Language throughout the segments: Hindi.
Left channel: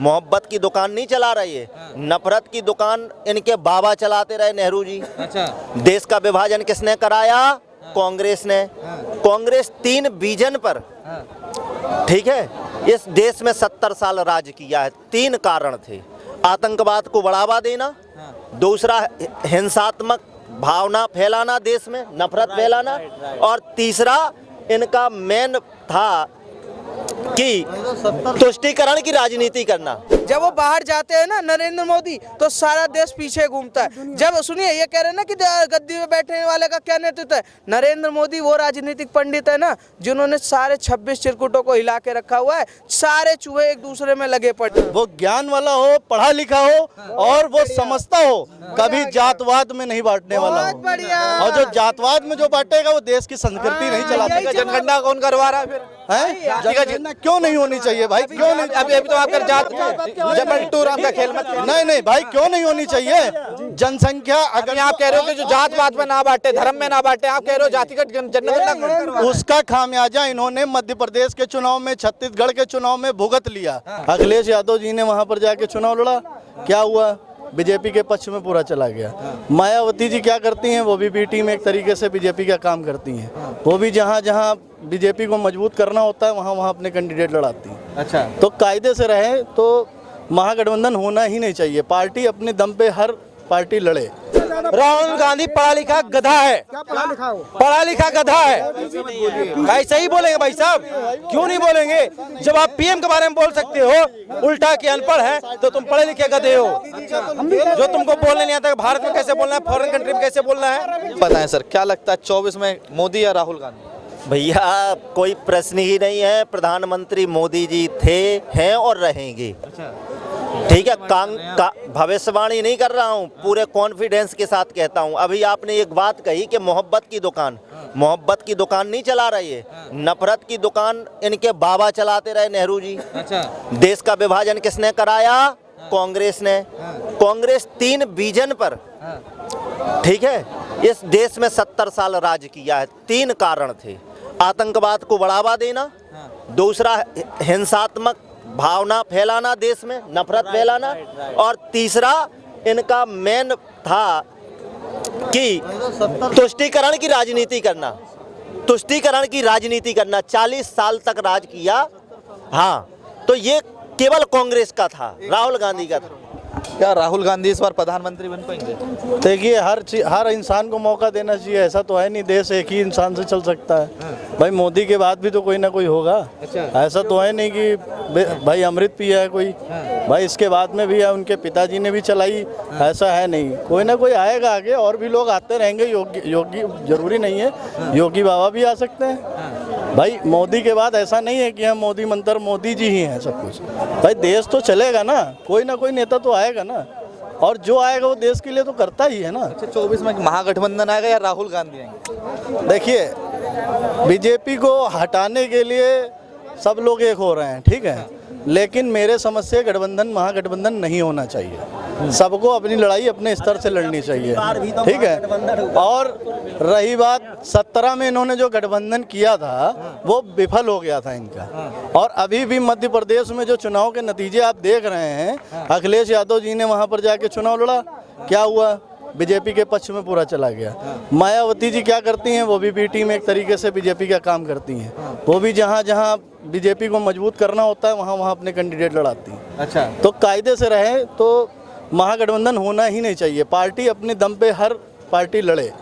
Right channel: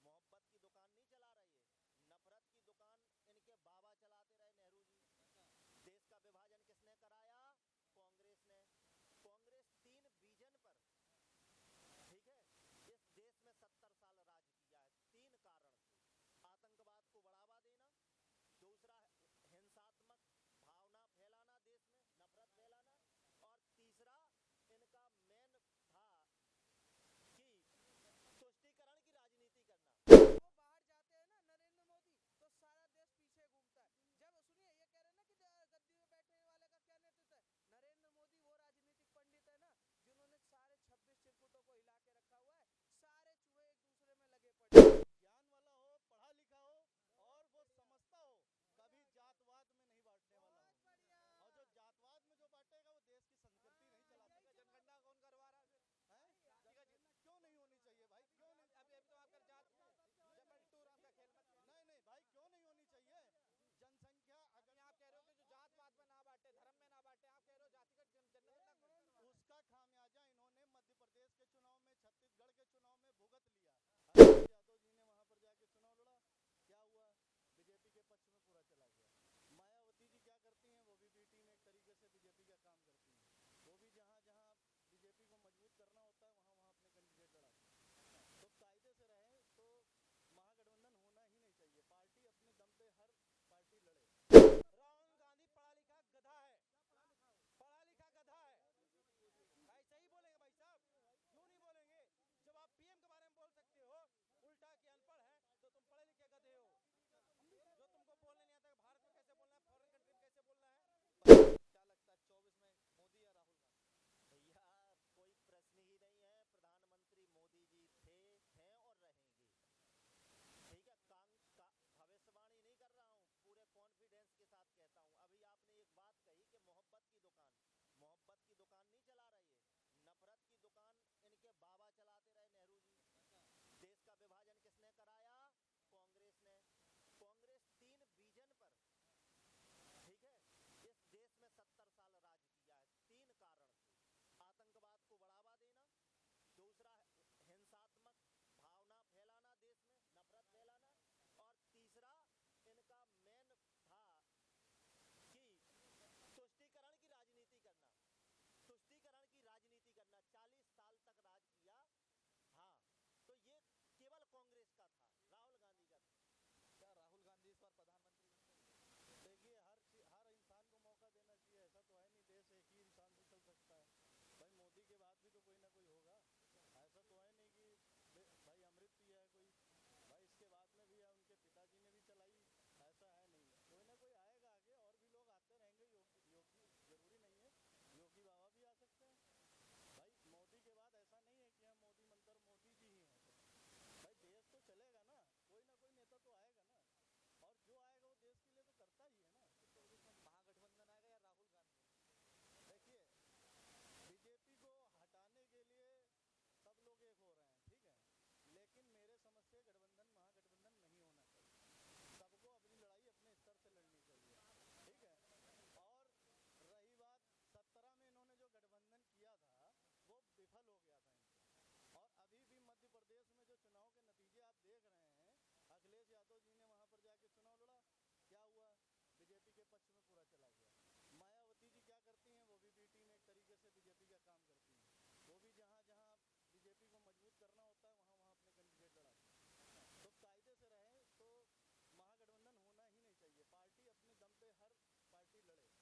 मोहब्बत की दुकान नहीं चला रही है, नफरत की दुकान इनके बाबा चलाते रहे, नेहरू जी। अच्छा। देश का विभाजन किसने कराया? कांग्रेस ने। कांग्रेस 3 विजन पर, ठीक है, इस देश में 70 साल राज किया है। 3 कारण थे: आतंकवाद को बढ़ावा देना, दूसरा हिंसात्मक भावना फैलाना, देश में नफरत फैलाना, और तीसरा इनका मेन था कि तुष्टीकरण की राजनीति करना। जब वो बाहर जाते हैं ना नरेंद्र मोदी, तो सारा देश पीछे घूमता है। जब सुनिए, ये कह रहे हैं ना कि गद्दी में बैठने वाले का क्या नेतृत्व है, नरेंद्र मोदी वो राजनीतिक पंडित है ना जिन्होंने सारे 26 चिरकुटों को हिला के रखा हुआ है। सारे चूहे एक दूसरे में लगे पड़े। वो ज्ञान वाला हो, पढ़ा लिखा हो, और वो समझता हो, कभी जातवाद में नहीं बांटने वाला हो। बढ़िया। और जो जातवाद में जो बांटेगा वो देश की संस्कृति नहीं चला सकेगा। जनगणना कौन करवा रहा है फिर? जनगणना क्यों नहीं होनी चाहिए भाई? क्यों नहीं? अभी तो आप जात जबलपुर का खेल मत। नहीं भाई, क्यों नहीं होनी चाहिए? जनसंख्या अगर आप कह रहे हो कि जो जातवाद में ना बांटे, धर्म में ना बांटे, आप कह रहे हो जातिगत जनगणना, उसका खामियाजा इन्होंने मध्य प्रदेश के चुनाव में, छत्तीसगढ़ के चुनाव में भुगत लिया। अखिलेश यादव जी ने वहां पर जाके चुनाव लड़ा, क्या हुआ? बीजेपी के पक्ष में पूरा चला गया। मायावती जी क्या करती हैं? वो भी बी टीम एक तरीके से बीजेपी का काम करती हैं। वो भी जहां जहां बीजेपी को मजबूत करना होता है वहां वहां अपने कैंडिडेट लड़ाती हैं। अच्छा। तो कायदे से रहे तो महागठबंधन होना ही नहीं चाहिए। पार्टी अपने दम पे हर पार्टी लड़े। राहुल गांधी पढ़ा लिखा गधा है। पढ़ा लिखा गधा है भाई, सही बोलेंगे भाई साहब, क्यों नहीं बोलेंगे? जब आप पीएम के बारे में बोल सकते हो उल्टा कि अनपढ़ है, तो तुम पढ़े लिखे गधे हो। जो तुमको बोलने नहीं आता भारत में कैसे बोलना है, फॉरेन कंट्री में कैसे बोलना है। पता है सर, क्या लगता है 24 में मोदी या राहुल गांधी? भैया कोई प्रश्न ही नहीं है। प्रधानमंत्री मोदी जी थे, हैं और रहेंगे। ठीक है, भविष्यवाणी नहीं कर रहा हूँ, पूरे कॉन्फिडेंस के साथ कहता हूँ। अभी आपने एक बात कही कि मोहब्बत की दुकान, मोहब्बत की दुकान नहीं चला रही है, नफरत की दुकान इनके बाबा चलाते रहे, नेहरू जी। अच्छा। देश का विभाजन किसने कराया? कांग्रेस ने। कांग्रेस 3 विजन पर, ठीक है, इस देश में 70 साल राज किया है। 3 कारण थे: आतंकवाद को बढ़ावा देना, दूसरा हिंसात्मक भावना फैलाना, देश में नफरत फैलाना, और तीसरा इनका मेन था कि तुष्टीकरण की राजनीति करना। तुष्टीकरण की राजनीति करना 40 साल तक राज किया। हाँ, तो ये केवल कांग्रेस का था, राहुल गांधी का था। क्या राहुल गांधी इस बार प्रधानमंत्री बन पाएंगे? देखिए, हर इंसान को मौका देना चाहिए। ऐसा तो है नहीं देश एक ही इंसान से चल सकता है। भाई मोदी के बाद भी तो कोई ना कोई होगा। ऐसा तो है नहीं कि भाई अमृत पिया है कोई, भाई इसके बाद में भी है, उनके पिताजी ने भी चलाई। ऐसा है नहीं, कोई ना कोई आएगा आगे, और भी लोग आते रहेंगे। योगी जरूरी नहीं है, योगी बाबा भी आ सकते हैं। भाई मोदी के बाद ऐसा नहीं है कि हम मोदी मंत्र, मोदी जी ही हैं सब कुछ। भाई देश तो चलेगा ना, कोई ना कोई नेता तो आएगा ना, और जो आएगा वो देश के लिए तो करता ही है ना। अच्छा, 24 में महागठबंधन आएगा या राहुल गांधी आएंगे? देखिए, बीजेपी को हटाने के लिए सब लोग एक हो रहे हैं, ठीक है, लेकिन मेरे समझ से गठबंधन, महागठबंधन नहीं होना चाहिए। सबको अपनी लड़ाई अपने स्तर से लड़नी चाहिए, ठीक है। और रही बात 17 में इन्होंने जो गठबंधन किया था वो विफल हो गया था इनका। और अभी भी मध्य प्रदेश में जो चुनाव के नतीजे आप देख रहे हैं, अखिलेश यादव जी ने वहां पर जाके चुनाव लड़ा, क्या हुआ? बीजेपी के पक्ष में पूरा चला गया। मायावती जी क्या करती हैं? वो भी बी टीम एक तरीके से बीजेपी का काम करती हैं। वो भी जहां जहां बीजेपी को मजबूत करना होता है वहां वहां अपने कैंडिडेट लड़ाती हैं। अच्छा। तो कायदे से रहे तो महागठबंधन होना ही नहीं चाहिए। पार्टी अपने दम पे हर पार्टी लड़े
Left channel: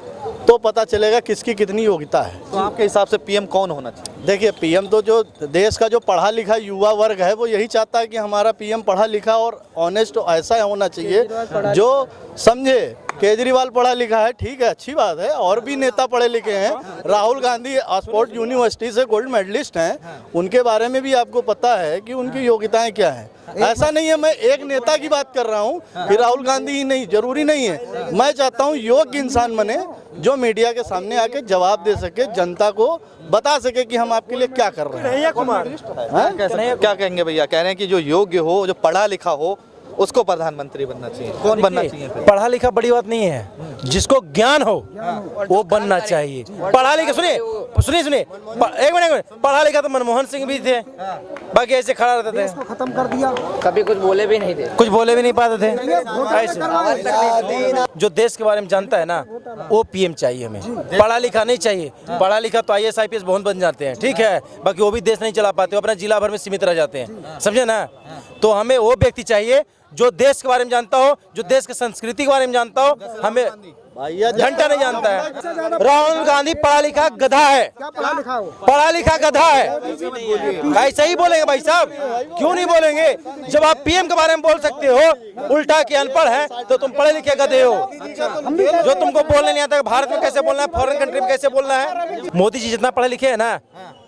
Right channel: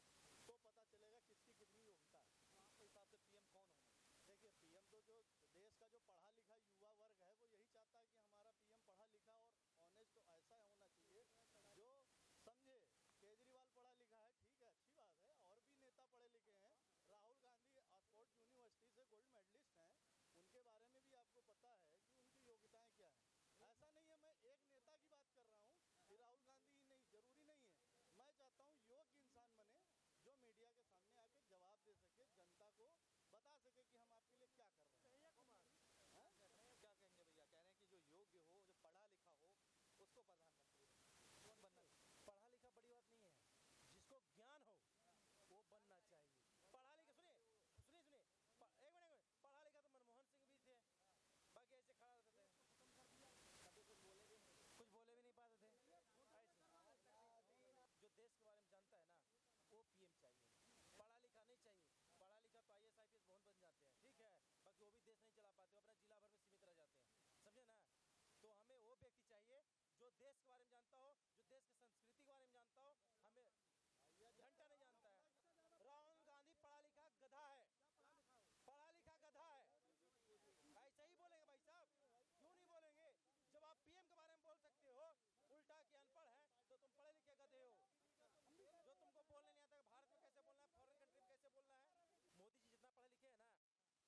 तो पता चलेगा किसकी कितनी योग्यता है। तो आपके हिसाब से पीएम कौन होना चाहिए? देखिए, पीएम तो जो देश का जो पढ़ा लिखा युवा वर्ग है वो यही चाहता है कि हमारा पीएम पढ़ा लिखा और ऑनेस्ट ऐसा होना चाहिए जो समझे। केजरीवाल पढ़ा लिखा है, ठीक है, अच्छी बात है, और भी नेता पढ़े लिखे हैं। राहुल गांधी ऑक्सफोर्ड यूनिवर्सिटी से गोल्ड मेडलिस्ट हैं, उनके बारे में भी आपको पता है कि उनकी योग्यताएं क्या हैं। ऐसा नहीं है मैं एक नेता की बात कर रहा हूँ कि राहुल गांधी ही नहीं, जरूरी नहीं है। मैं चाहता हूँ योग्य इंसान बने जो मीडिया के सामने आके जवाब दे सके, जनता को बता सके कि हम आपके लिए क्या कर रहे हैं। क्या कहेंगे भैया? कह रहे हैं कि जो योग्य हो, जो पढ़ा लिखा हो, उसको प्रधानमंत्री बनना चाहिए। कौन बनना चाहिए फिर? पढ़ा लिखा बड़ी बात नहीं है, जिसको ज्ञान हो वो बनना चाहिए। पढ़ा लिखा, सुनिए सुनिए सुनिए, एक मिनट, पढ़ा लिखा तो मनमोहन सिंह भी थे, बाकी ऐसे खड़ा रहते थे, खत्म कर दिया। कभी कुछ बोले भी नहीं थे, कुछ बोले भी नहीं पाते थे। ऐसे जो देश के बारे में जानता है ना वो पीएम चाहिए, हमें पढ़ा लिखा नहीं चाहिए। पढ़ा लिखा तो IAS IPS बहुत बन जाते हैं, ठीक है, बाकी वो भी देश नहीं चला पाते, वो अपना जिला भर में सीमित रह जाते हैं, समझे ना। तो हमें वो व्यक्ति चाहिए जो देश के बारे में जानता हो, जो देश की संस्कृति के बारे में जानता हो। हमें घंटा नहीं जानता है। राहुल गांधी पढ़ा लिखा गधा है, पढ़ा लिखा गधा है। ऐसा ही बोलेंगे भाई साहब, क्यों नहीं बोलेंगे? जब आप पीएम के बारे में बोल सकते हो उल्टा कि अनपढ़ है, तो तुम पढ़े लिखे गधे हो। जो तुमको बोलने नहीं आता भारत में कैसे बोलना है, फॉरेन कंट्री में कैसे बोलना है। मोदी जी जितना पढ़े लिखे है ना,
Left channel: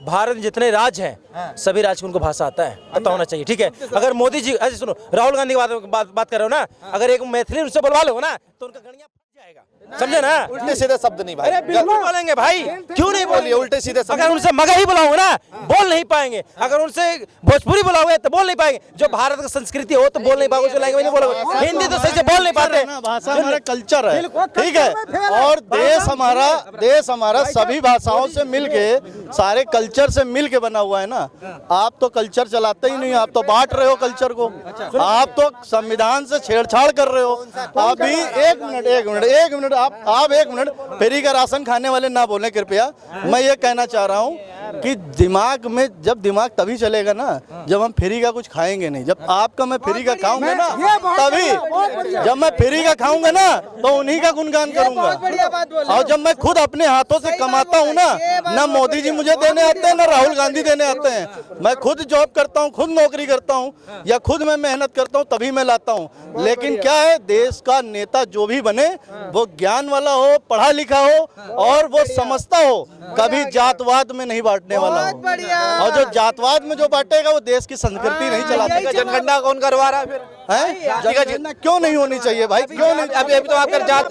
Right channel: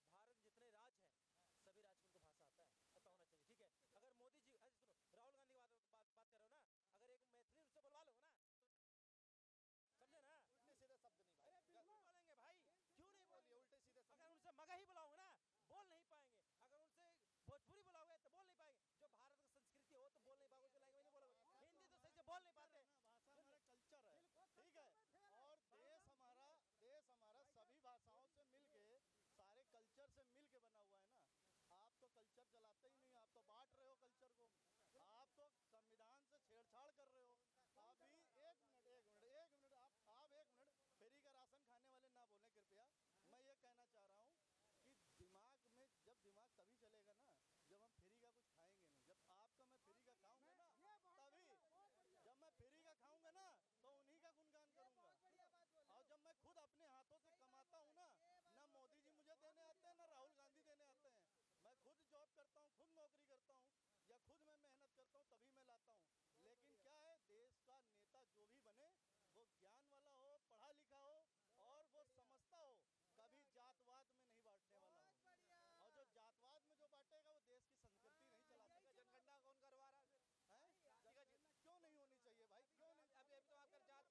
भारत में जितने राज्य हैं सभी राज्य में उनको भाषा आता है, पता होना चाहिए, ठीक है। अगर मोदी जी, ऐसे सुनो, राहुल गांधी की बात कर रहे हो ना, अगर एक मैथिली उनसे बोलवा लो ना तो उनका गणिया फट जाएगा, समझे ना। उल्टे सीधे शब्द नहीं भाई। अरे बिल्कुल बोलेंगे भाई, क्यों नहीं बोलिए? उल्टे सीधे शब्द। अगर उनसे मगही बुलाओगे ना बोल नहीं पाएंगे, अगर उनसे भोजपुरी बुलाओगे तो बोल नहीं पाएंगे। जो भारत की संस्कृति हो तो बोल नहीं पाओगे, उसको लैंग्वेज नहीं बोलोगे, हिंदी तो सही से बोल नहीं पाते। भाषा हमारा कल्चर है, ठीक है, और देश हमारा सभी भाषाओं से मिलके, सारे कल्चर से मिलके बना हुआ है ना। आप तो कल्चर चलाते ही नहीं, आप तो बांट रहे हो कल्चर को, आप तो संविधान से छेड़छाड़ कर रहे हो। अभी एक मिनट आप एक मिनट, फ्री का राशन खाने वाले ना बोलें कृपया। मैं ये कहना चाह रहा हूँ कि दिमाग में, जब दिमाग तभी चलेगा ना जब हम फ्री का कुछ खाएंगे नहीं। जब आपका मैं फ्री का खाऊंगा ना तभी, जब मैं फ्री का खाऊंगा ना तो उन्हीं का गुणगान करूंगा। और जब मैं खुद अपने हाथों से कमाता हूँ ना मोदी जी मुझे देने आते हैं ना राहुल गांधी देने आते हैं। मैं खुद जॉब करता हूँ, खुद नौकरी करता हूँ, या खुद मैं मेहनत करता हूँ, तभी मैं लाता हूँ। लेकिन क्या है, देश का नेता जो भी बने वो ज्ञान वाला हो, पढ़ा लिखा हो और वो समझता हो, कभी जातवाद में नहीं बांटने वाला हो। और जो जातवाद में जो बांटेगा वो देश की संस्कृति नहीं चलाता। जनगणना कौन करवा रहा है फिर? जनगणना क्यों नहीं होनी चाहिए भाई? क्यों नहीं? अभी तो आपका जात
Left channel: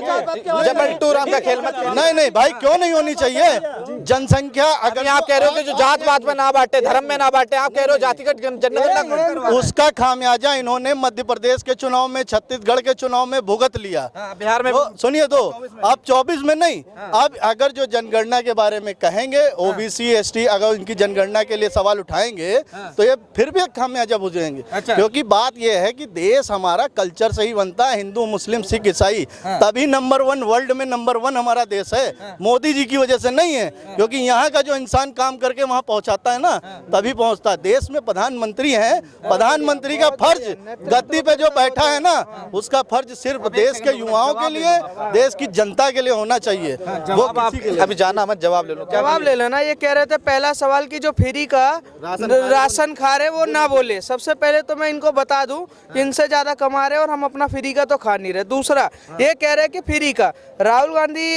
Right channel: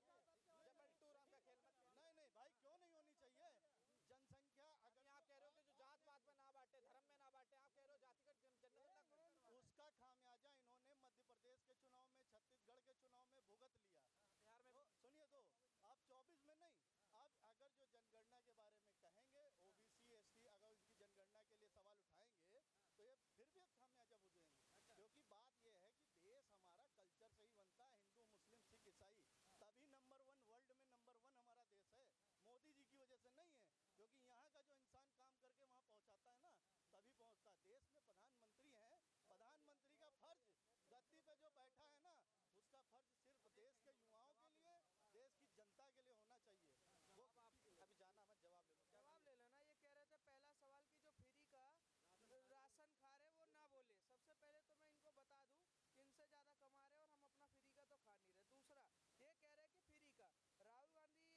जबल टू राम का खेल मत। नहीं भाई, क्यों नहीं होनी चाहिए? जनसंख्या, अगर आप कह रहे हो कि जो जात पात में ना बांटे, धर्म में ना बांटे, आप कह रहे हो जातिगत जनगणना, उसका खामियाजा इन्होंने मध्य प्रदेश के चुनाव में, छत्तीसगढ़ के चुनाव में भुगत लिया। बिहार में सुनिए, तो अब 24 में नहीं, अब अगर जो जनगणना के बारे में कहेंगे, OBC ST अगर उनकी जनगणना के लिए सवाल उठाएंगे तो ये फिर भी खामियाजा बुझेंगे। क्योंकि बात ये है कि देश हमारा कल्चर से ही बनता है, हिंदू मुस्लिम सिख ईसाई, तभी नंबर 1 वर्ल्ड में नंबर 1 हमारा देश है। मोदी जी की वजह से नहीं है, क्योंकि यहाँ का जो इंसान काम करके वहाँ पहुँचाता है ना तभी पहुँचता है। देश में प्रधानमंत्री है, प्रधानमंत्री का फर्ज गद्दी पे जो बैठा है ना उसका फर्ज सिर्फ देश के युवाओं के लिए, देश की जनता के लिए होना चाहिए। वो अभी जाना मत, जवाब ले लो। जवाब ले लेना। ये कह रहे थे पहला सवाल की जो फ्री का राशन खा रहे वो ना बोले। सबसे पहले तो मैं इनको बता दूं कि इनसे ज्यादा कमा रहे और हम अपना फ्री का तो खा नहीं रहे। दूसरा ये कह रहे कि फ्री का, राहुल गांधी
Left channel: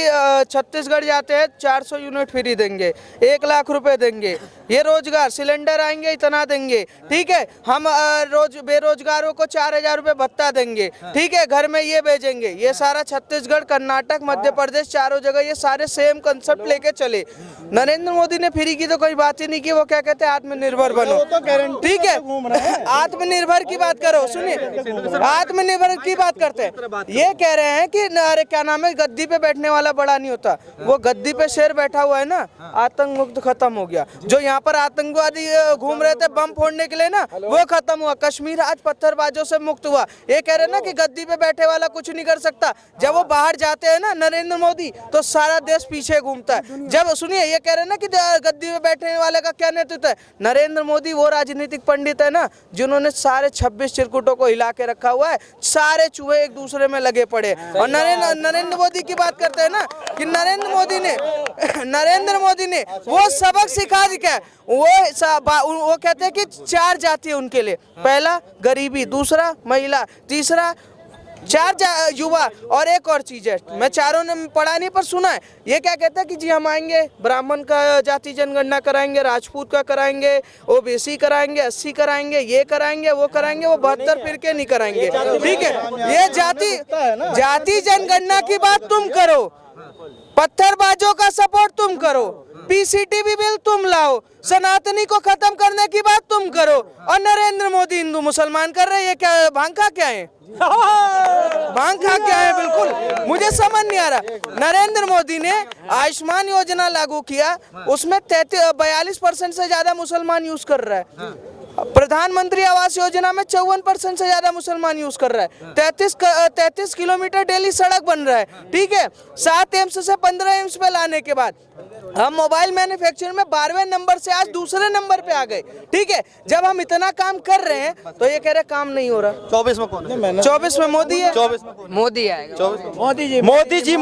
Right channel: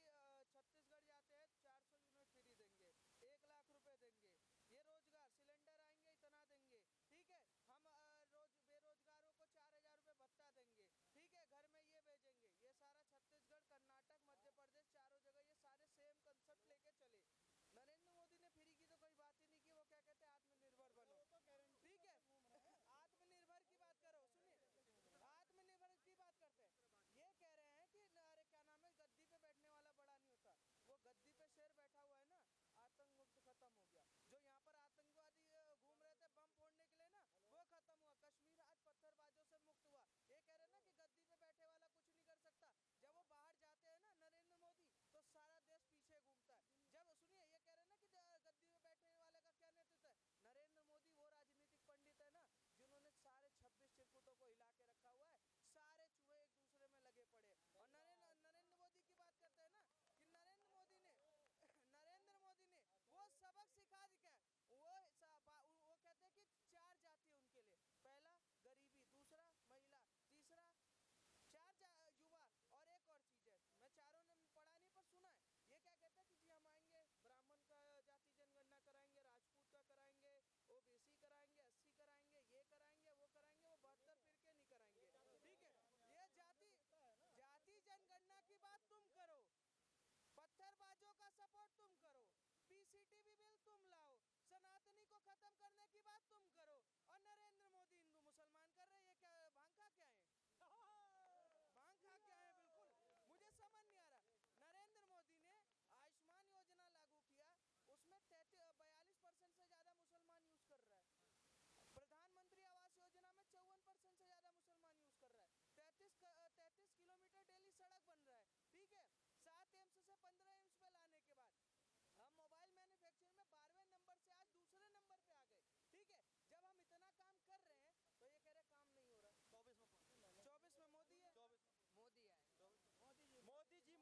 छत्तीसगढ़ जाते हैं 400 यूनिट फ्री देंगे, 1 लाख रुपए देंगे, ये रोजगार सिलेंडर आएंगे इतना देंगे, ठीक है, हम रोज बेरोजगारों को 4000 रुपए भत्ता देंगे, ठीक है, घर में ये भेजेंगे। ये सारा छत्तीसगढ़, कर्नाटक, मध्य प्रदेश, चारों जगह ये सारे सेम कंसेप्ट लेके चले। नरेंद्र मोदी ने फ्री की तो कोई बात ही नहीं की। वो क्या कहते हैं, आत्मनिर्भर बनो, ठीक है, आत्मनिर्भर की बात करो। सुनिए, आत्मनिर्भर की बात करते हैं। ये कह रहे हैं कि अरे क्या नाम है, गद्दी पे बैठने वाला बड़ा नहीं होता। वो गद्दी पे शेर बैठा हुआ है ना, आतंक मुक्त खत्म हो गया। जो यहाँ पर आतंकवादी घूम रहे थे बम फोड़ने के लिए ना, वो खत्म हुआ। कश्मीर आज पत्थरबाजों से मुक्त हुआ। ये कह रहे हैं ना कि गद्दी पे बैठे वाला कुछ नहीं कर सकता। जब वो बाहर जाते हैं ना नरेंद्र मोदी, तो सारा देश पीछे घूमता है। जब सुनिए, ये कह रहे हैं ना कि गद्दी पे बैठने वाले का क्या नेतृत्व है। नरेंद्र मोदी वो राजनीतिक पंडित है ना जिन्होंने सारे 26 चिरकुटों को हिला के रखा हुआ है। सारे चूहे एक दूसरे में लगे पड़े। और नरेंद्र मोदी की बात करते हैं ना कि नरेंद्र मोदी ने वो सबक सिखा दिया। वो कहते हैं कि 4 जाति है उनके लिए। पहला गरीबी, दूसरा महिला, तीसरा 4 युवा, और एक और चीज है, मैं चारों ने पढ़ा नहीं पर सुना है। ये क्या कहता है कि जी हम आएंगे, ब्राह्मण का जाति जनगणना कराएंगे, राजपूत का कराएंगे, OBC कराएंगे, 80 कराएंगे, ये कराएंगे, वो कराएंगे, वो 72 फिरके नहीं कराएंगे, ठीक है। ये जाति जनगणना की बात तुम करो, पत्थरबाजों का सपोर्ट तुम करो, पीसीटीवी बिल तुम लाओ, सनातनी को खत्म करने की बात तुम करो, और नरेंद्र मोदी हिंदू मुसलमान कर रहे हैं। ये क्या भांग खा क्या है? भांग खा क्या है? बिल्कुल मुझे समझ नहीं आ रहा। नरेंद्र मोदी ने आयुष्मान योजना लागू किया, उसमें 42% से ज्यादा मुसलमान यूज कर रहा है। प्रधानमंत्री आवास योजना में 54% से ज्यादा मुसलमान यूज कर रहा है। 33 किलोमीटर डेली सड़क बन रहा है, ठीक है। 7 एम्स से 15 एम्स पे लाने के बाद हम मोबाइल मैन्युफैक्चरिंग में 12वें नंबर से आज दूसरे नंबर पे आ गए, ठीक है। जब हम इतना काम कर रहे हैं तो ये कह रहे काम नहीं हो रहा। 24 में कौन है? 24 में मोदी है। 24 में मोदी आएगा। मोदी जी